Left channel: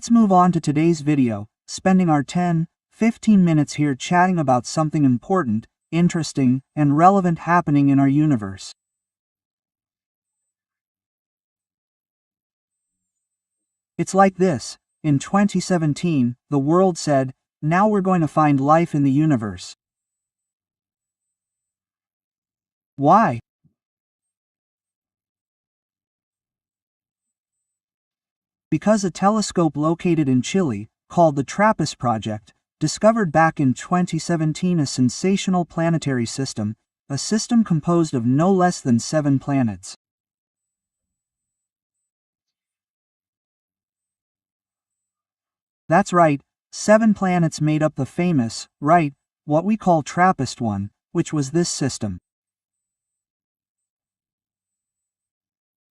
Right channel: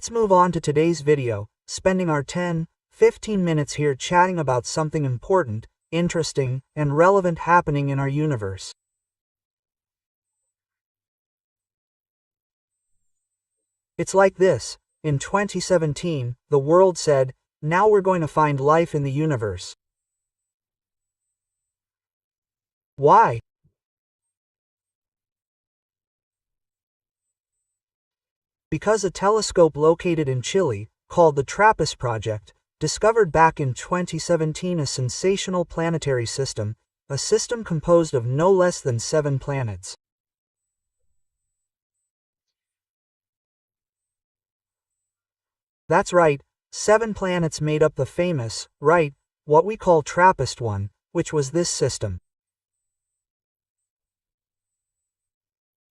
Let's move on to today's video, spending our 10-15 minutes here chatting about something important, interesting, and relevant happening in our universe. It's like this. In 2017, the world said, now we're going to find life in the universe. Why? Because a telescope located in Chile, called the TRAPPIST project, discovered back in 2017 a sensational planetary system, a system composed of no less than 7 planets. That's right, 7 planets made up the famous, what we call TRAPPIST one, which was this system.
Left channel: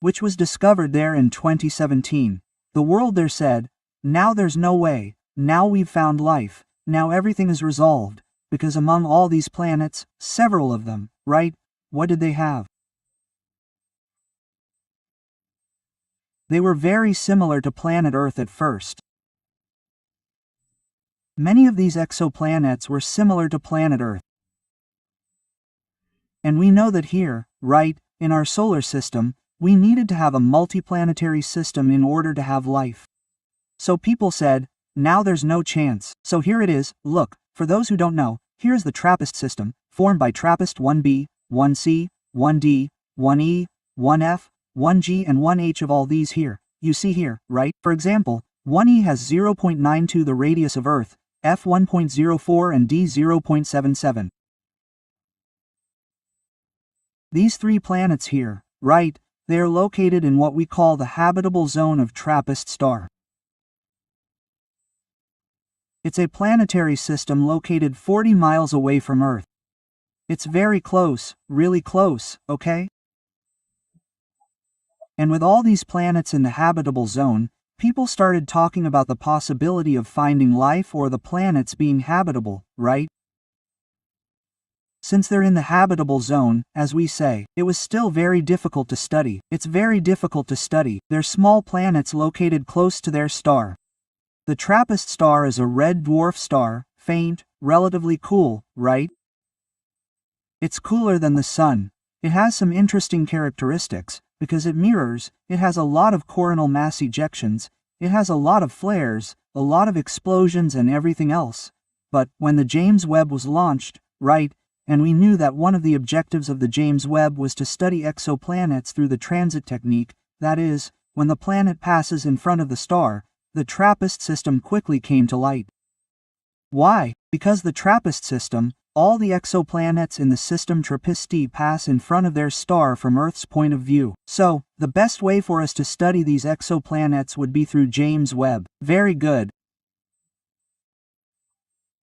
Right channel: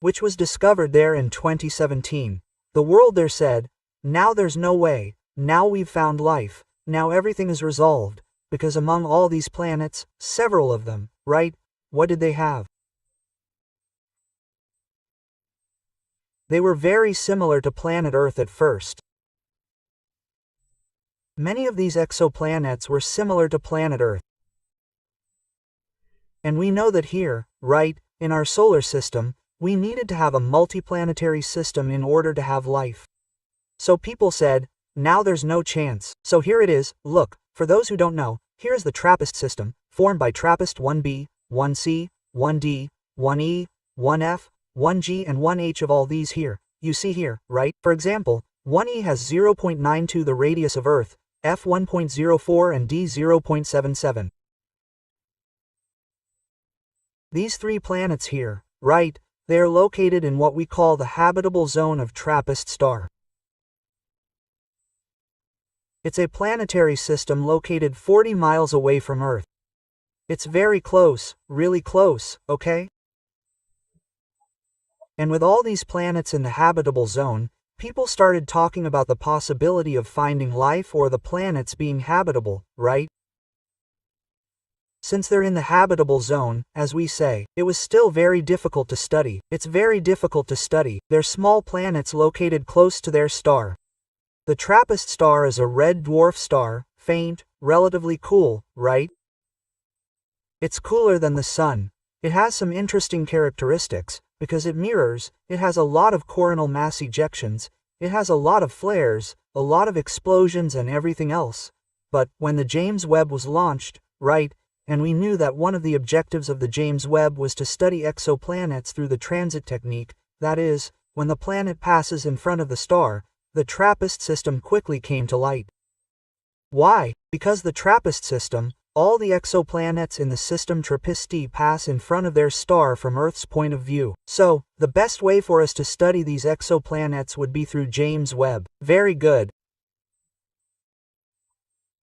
Which was discovered there in 2017. The world there said, now there's no way, now we've found life, now everything is resolved, because among all these planets, several of them, what did they have? They were very similar to planet Earth at first. Many of these exoplanets were similar to planet Earth. And we know that here, in our solar system, we needed to have a multiplanetary system in order to have life. So people said, now there's no chance. So here it is. Look, for those who don't know, here is the TRAPPIST system, formed by TRAPPIST 1b, 1c, 1d, 1e, 1f, 1g and 1h of all these here. You see here, For example, 1e has 0.92 the radius of Earth, f 1.04 and d 0.77. These 3 planets here, they are located in what we call the habitable zone of TRAPPIST star. It's a planetary system located 40 miles away from Earth. It's very close, really close, okay? And with all these planets in the habitable zone, people started talking about the possibility of finding life or the planets being habitable, Since they're in the habitable zone, as we say, it was still very difficult to study. It's very difficult to study. They're small planets located close to their star. The TRAPPIST star is a red dwarf star, faint, relatively cool, It's cooler than the Sun. It has some interesting characteristics, because it mirrors, it has a lot of coronal mass ejections, it has a lot of flares, a lot of explosions and everything else. But, when the James Webb was launched, and we knew that one of the objectives of the James Webb was to study exoplanets through the transit technique, that is, when the planet passes in front of the star, the TRAPPIST system quickly came to light. Why? Because the TRAPPIST system, all the exoplanets in the system TRAPPIST pass in front of their star from Earth's point of view. So, the best way for us to study these exoplanets would be through James Webb. Very good.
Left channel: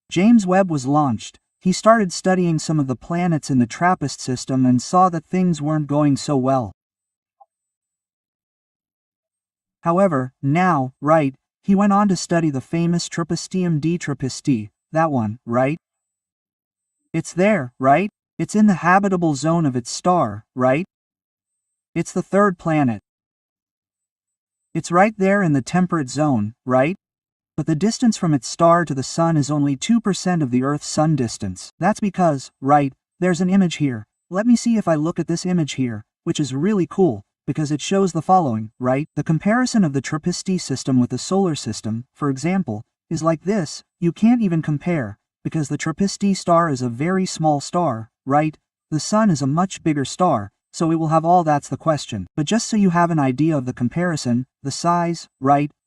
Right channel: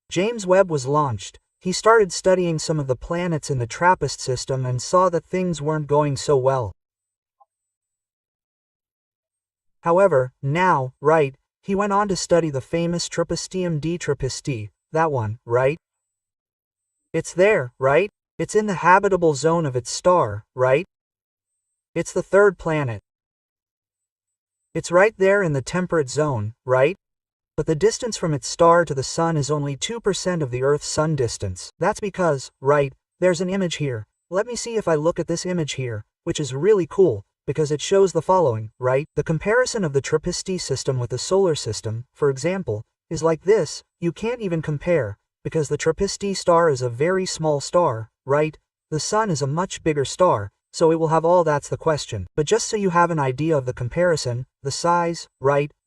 James Webb was launched. He started studying some of the planets in the TRAPPIST system and saw that things weren't going so well. However, now, he went on to study the famous TRAPPISTium d TRAPPIST, that one, It's there, It's in the habitable zone of its star, It's the 3rd planet. It's right there in the temperate zone, But the distance from its star to the Sun is only 2% of the Earth-Sun distance. That's because, there's an image here. Let me see if I look at this image here, which is really cool, because it shows the following, The comparison of the TRAPPIST system with the solar system, for example, is like this. You can't even compare, because the TRAPPIST star is a very small star, The Sun is a much bigger star, so it will have all. That's the question. But just so you have an idea of the comparison, the size,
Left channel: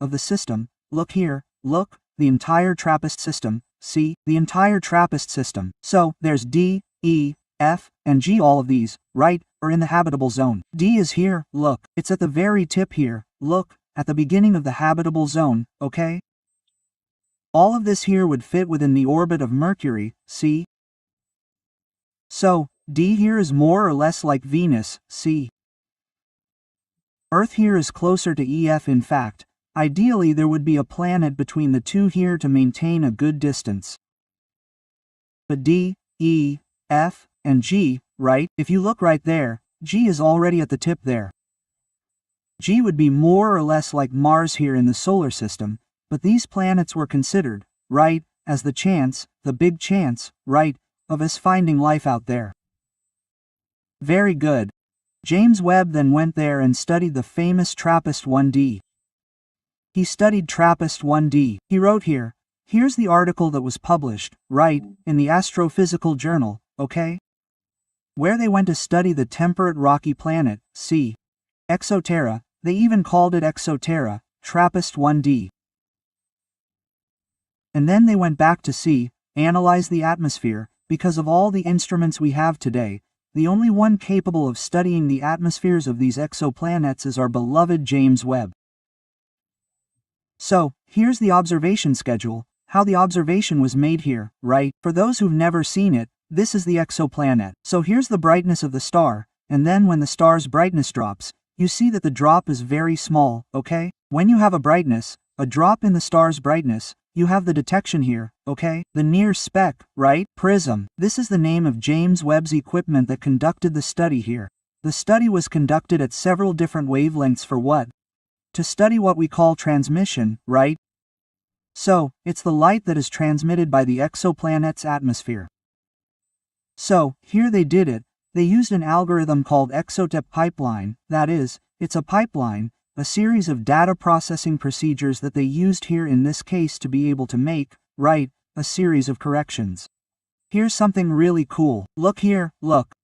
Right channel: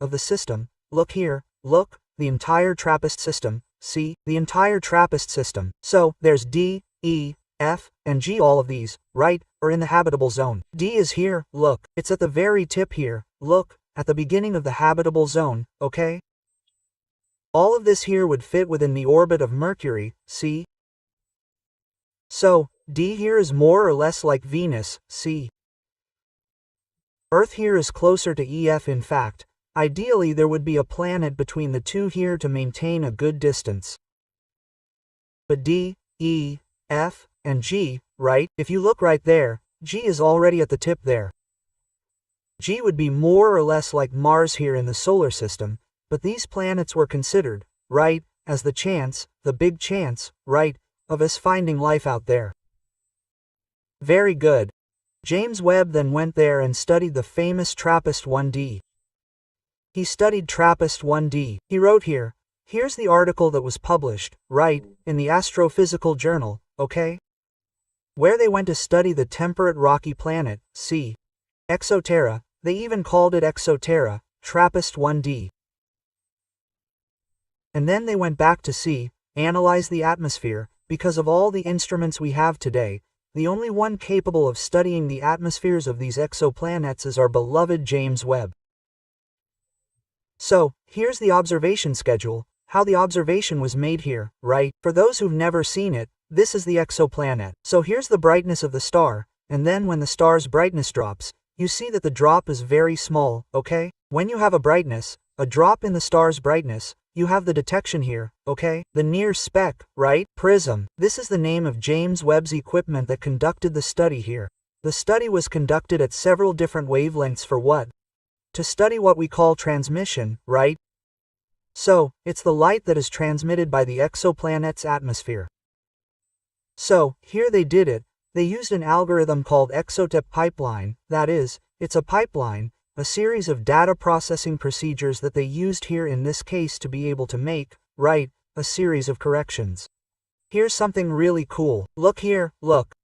of the system, look here. Look, the entire TRAPPIST system, see, the entire TRAPPIST system. So, there's D, E, F, and G. All of these, are in the habitable zone. D is here, look, it's at the very tip here, look, at the beginning of the habitable zone, okay? All of this here would fit within the orbit of Mercury, see? So, D here is more or less like Venus, see? Earth here is closer to EF. In fact, ideally there would be a planet between the two here to maintain a good distance. But D, E, F, and G, if you look right there, G is already at the tip there. G would be more or less like Mars here in the solar system, but these planets were considered, right, as the chance, the big chance, right, of us finding life out there. Very good. James Webb then went there and studied the famous TRAPPIST-1d. He studied TRAPPIST-1d. He wrote here, here's the article that was published, right, in the Astrophysical Journal, okay? Where they went to study the temperate rocky planet, see. Exoterra, they even called it Exoterra, TRAPPIST-1d. And then they went back to see, analyze the atmosphere, because of all the instruments we have today, the only one capable of studying the atmospheres of these exoplanets is our beloved James Webb. So, here's the observation schedule, how the observation was made here, right? For those who've never seen it, this is the exoplanet. So here's the brightness of the star, and then when the star's brightness drops, you see that the drop is very small, okay? When you have a drop in the star's brightness, you have the detection here, okay? The near speck, right? Prism. This is the name of James Webb's equipment that conducted the study here. The study was conducted at several different wavelengths for what? To study what we call transmission, right? So, it's the light that is transmitted by the exoplanet's atmosphere. So, here they did it. They used an algorithm called exotep pipeline, that is, it's a pipeline, a series of data processing procedures that they used here in this case to be able to make, right, a series of corrections. Here's something really cool. Look here, look.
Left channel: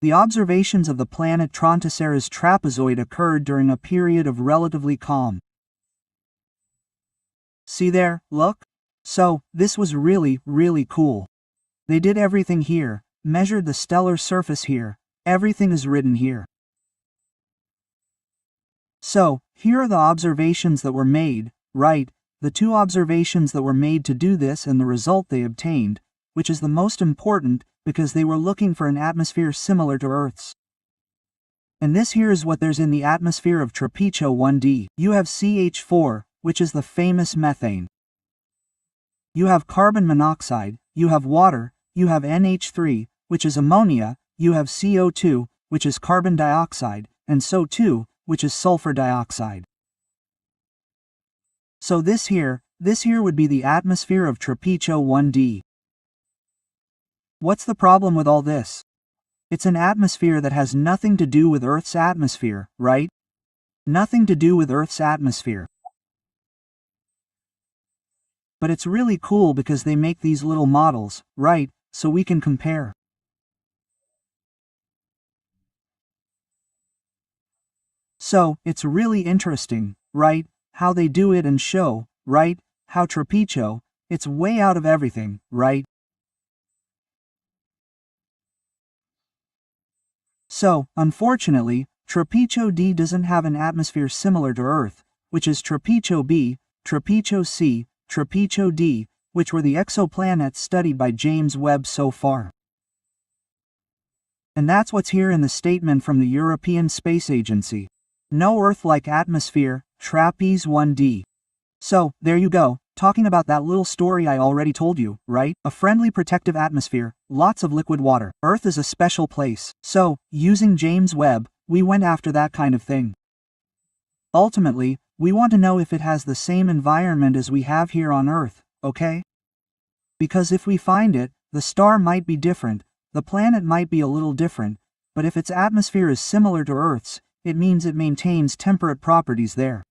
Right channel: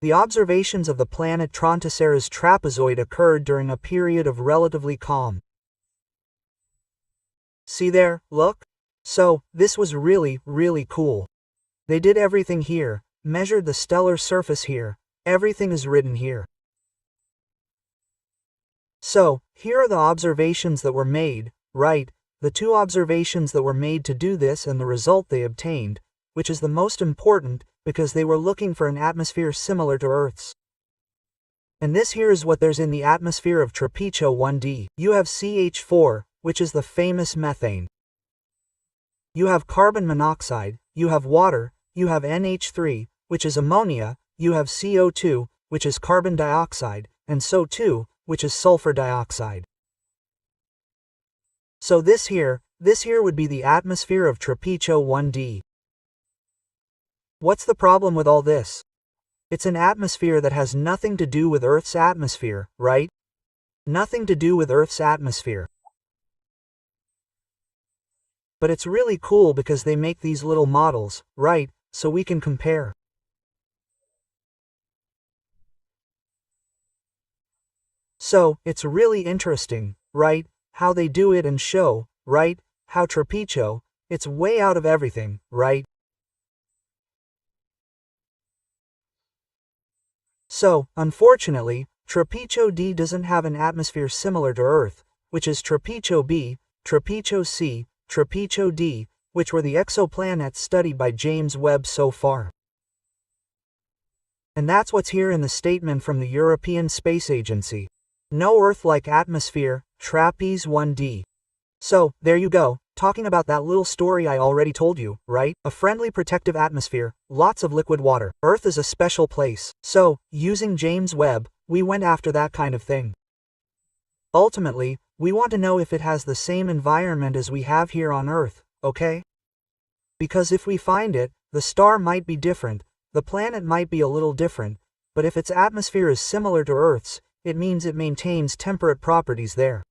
The observations of the planet Trontoceras trapezoid occurred during a period of relatively calm. See there, look? So, this was really, really cool. They did everything here, measured the stellar surface here, everything is written here. So, here are the observations that were made, right, the two observations that were made to do this and the result they obtained, which is the most important because they were looking for an atmosphere similar to Earth's. And this here is what there's in the atmosphere of TRAPPIST-1d. You have CH4, which is the famous methane. You have carbon monoxide, you have water, you have NH3, which is ammonia, you have CO2, which is carbon dioxide, and SO2, which is sulfur dioxide. So this here would be the atmosphere of TRAPPIST-1d. What's the problem with all this? It's an atmosphere that has nothing to do with Earth's atmosphere, right? Nothing to do with Earth's atmosphere. But it's really cool because they make these little models, right, so we can compare. So, it's really interesting, right, how they do it and show, right, how TRAPPIST, it's way out of everything, right? So, unfortunately, TRAPPIST-D doesn't have an atmosphere similar to Earth, which is TRAPPIST-B, TRAPPIST-C, TRAPPIST-D, which were the exoplanets studied by James Webb so far. And that's what's here in the statement from the European Space Agency. No Earth-like atmosphere, TRAPPIST-1d. So, there you go, talking about that little story I already told you, right? A friendly protective atmosphere, lots of liquid water. Earth is a special place. So, using James Webb, we went after that kind of thing. Ultimately, we want to know if it has the same environment as we have here on Earth, okay? Because if we find it, the star might be different, the planet might be a little different, but if its atmosphere is similar to Earth's, it means it maintains temperate properties there.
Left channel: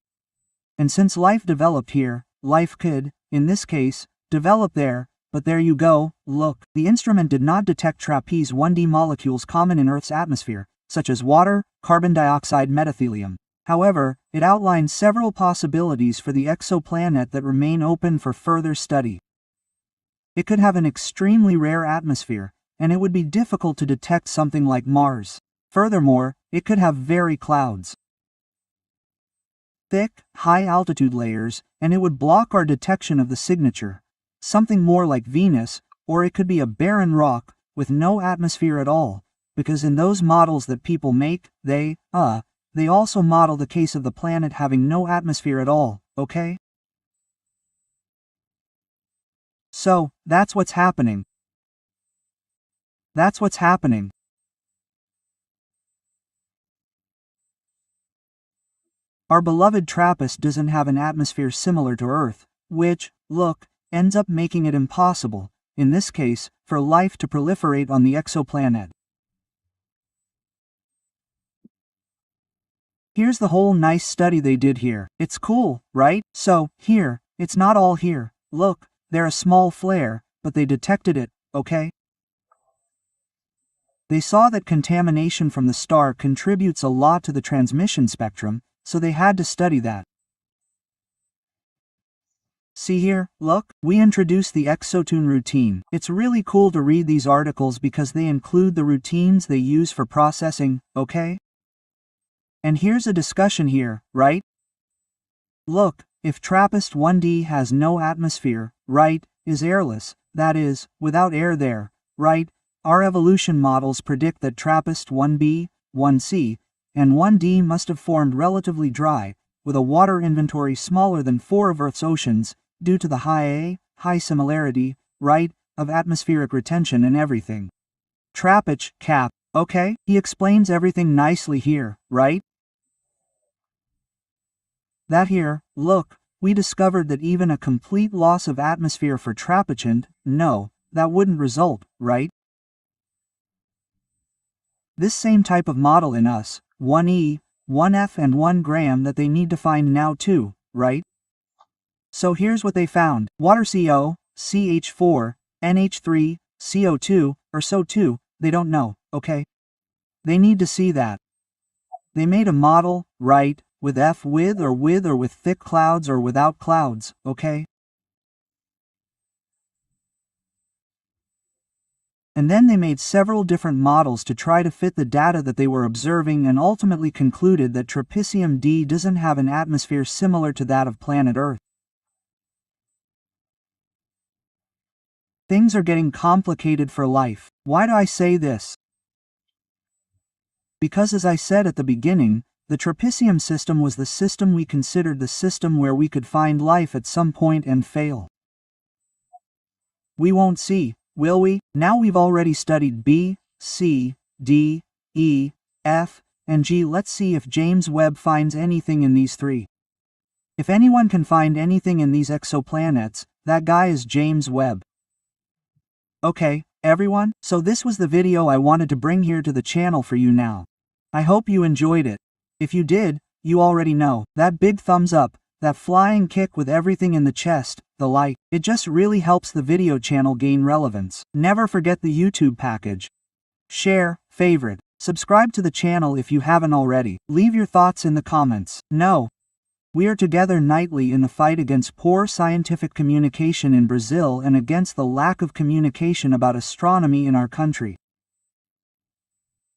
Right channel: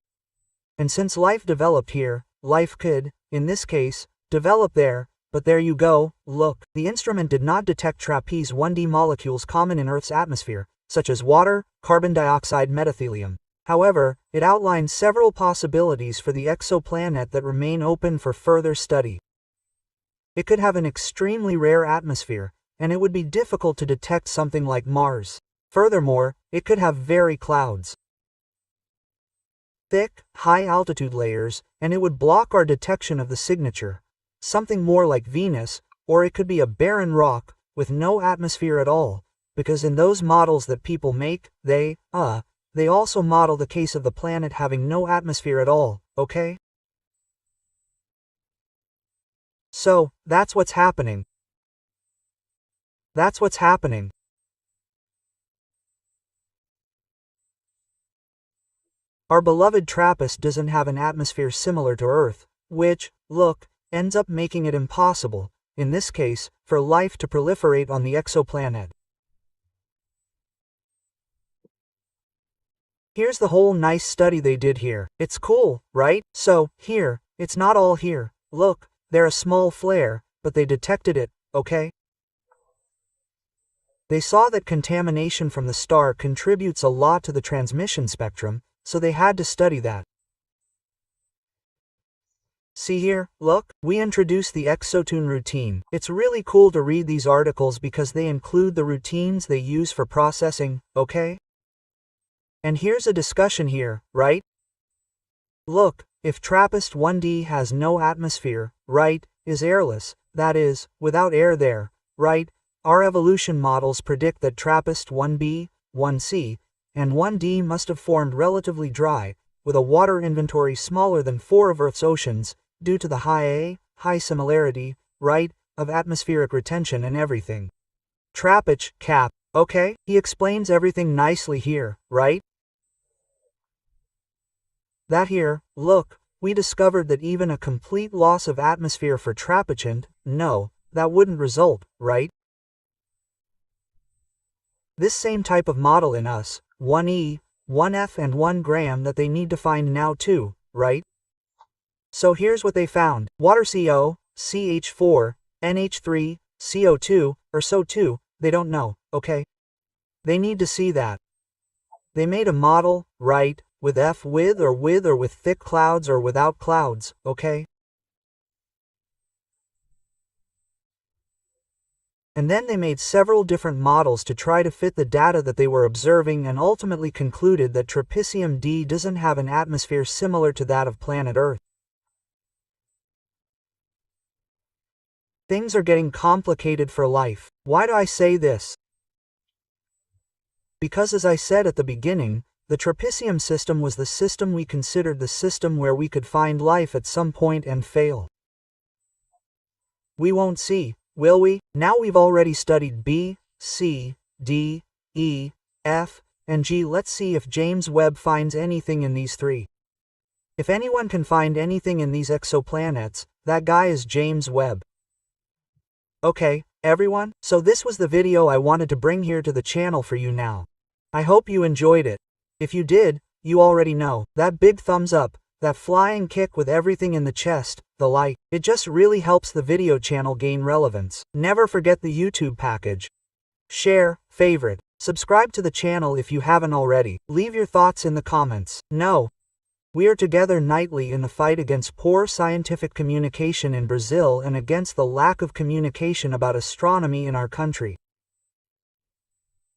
And since life developed here, life could, in this case, develop there, but there you go, look, the instrument did not detect TRAPPIST-1d molecules common in Earth's atmosphere, such as water, carbon dioxide, methylhelium. However, it outlines several possibilities for the exoplanet that remain open for further study. It could have an extremely rare atmosphere, and it would be difficult to detect something like Mars. Furthermore, it could have very clouds, thick, high-altitude layers, and it would block our detection of the signature. Something more like Venus, or it could be a barren rock, with no atmosphere at all, because in those models that people make, they also model the case of the planet having no atmosphere at all, okay? So, that's what's happening. That's what's happening. Our beloved TRAPPIST doesn't have an atmosphere similar to Earth, which, look, ends up making it impossible, in this case, for life to proliferate on the exoplanet. Here's the whole nice study they did here. It's cool, right? So, here, it's not all here. Look, they're a small flare, but they detected it, okay? They saw that contamination from the star contributes a lot to the transmission spectrum, so they had to study that. See here, look, we introduced the exotune routine. It's really cool to read these articles because they include the routines they use for processing, okay? And here's a discussion here, right? Look, if TRAPPIST-1d has no atmosphere, right, is airless, that is, without air there, right, our evolution models predict that TRAPPIST-1b, 1c, and 1d must have formed relatively dry, with a water inventory smaller than 4 of Earth's oceans, due to the high similarity, right, of atmospheric retention and everything. TRAPPIST, cap, okay? He explains everything nicely here, right? That here, look, we discovered that even a complete loss of atmosphere for TRAPPIST, no, that wouldn't result, right? This same type of model in us, 1e, 1f and 1 gram that they need to find now too, right? So here's what they found. Water CO, CH4, NH3, CO2, or SO2, they don't know, okay? They need to see that. They made a model, right, with F with or with thick clouds or without clouds, okay? And then they made several different models to try to fit the data that they were observing and ultimately concluded that Trappisium-D doesn't have an atmosphere similar to that of planet Earth. Things are getting complicated for life. Why do I say this? Because as I said at the beginning, the Trappisium system was the system we considered the system where we could find life at some point and fail. We won't see, will we? Now we've already studied B, C, D, E, F, and G. Let's see if James Webb finds anything in these 3. If anyone can find anything in these exoplanets, that guy is James Webb. Okay, everyone, so this was the video I wanted to bring here to the channel for you now. I hope you enjoyed it. If you did, you already know, that big thumbs up, that flying kick with everything in the chest, the like, it just really helps the video channel gain relevance. Never forget the YouTube package. Share, favorite, subscribe to the channel if you haven't already. Leave your thoughts in the comments. We are together nightly in the fight against poor scientific communication in Brazil and against the lack of communication about astronomy in our country.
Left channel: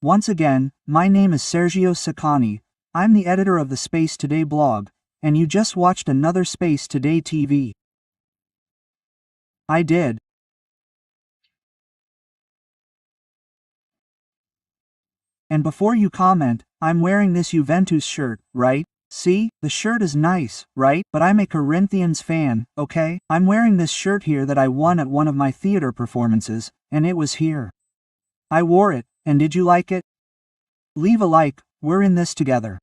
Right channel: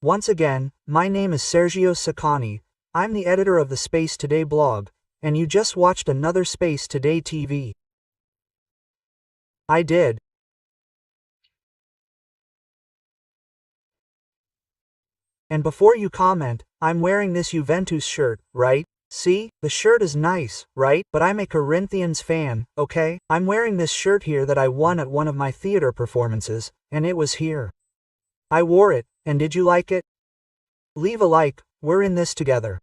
Once again, my name is Sergio Saccani, I'm the editor of the Space Today blog, and you just watched another Space Today TV. I did. And before you comment, I'm wearing this Juventus shirt, right? See, the shirt is nice, right? But I'm a Corinthians fan, okay? I'm wearing this shirt here that I won at one of my theater performances, and it was here. I wore it, and did you like it? Leave a like, we're in this together.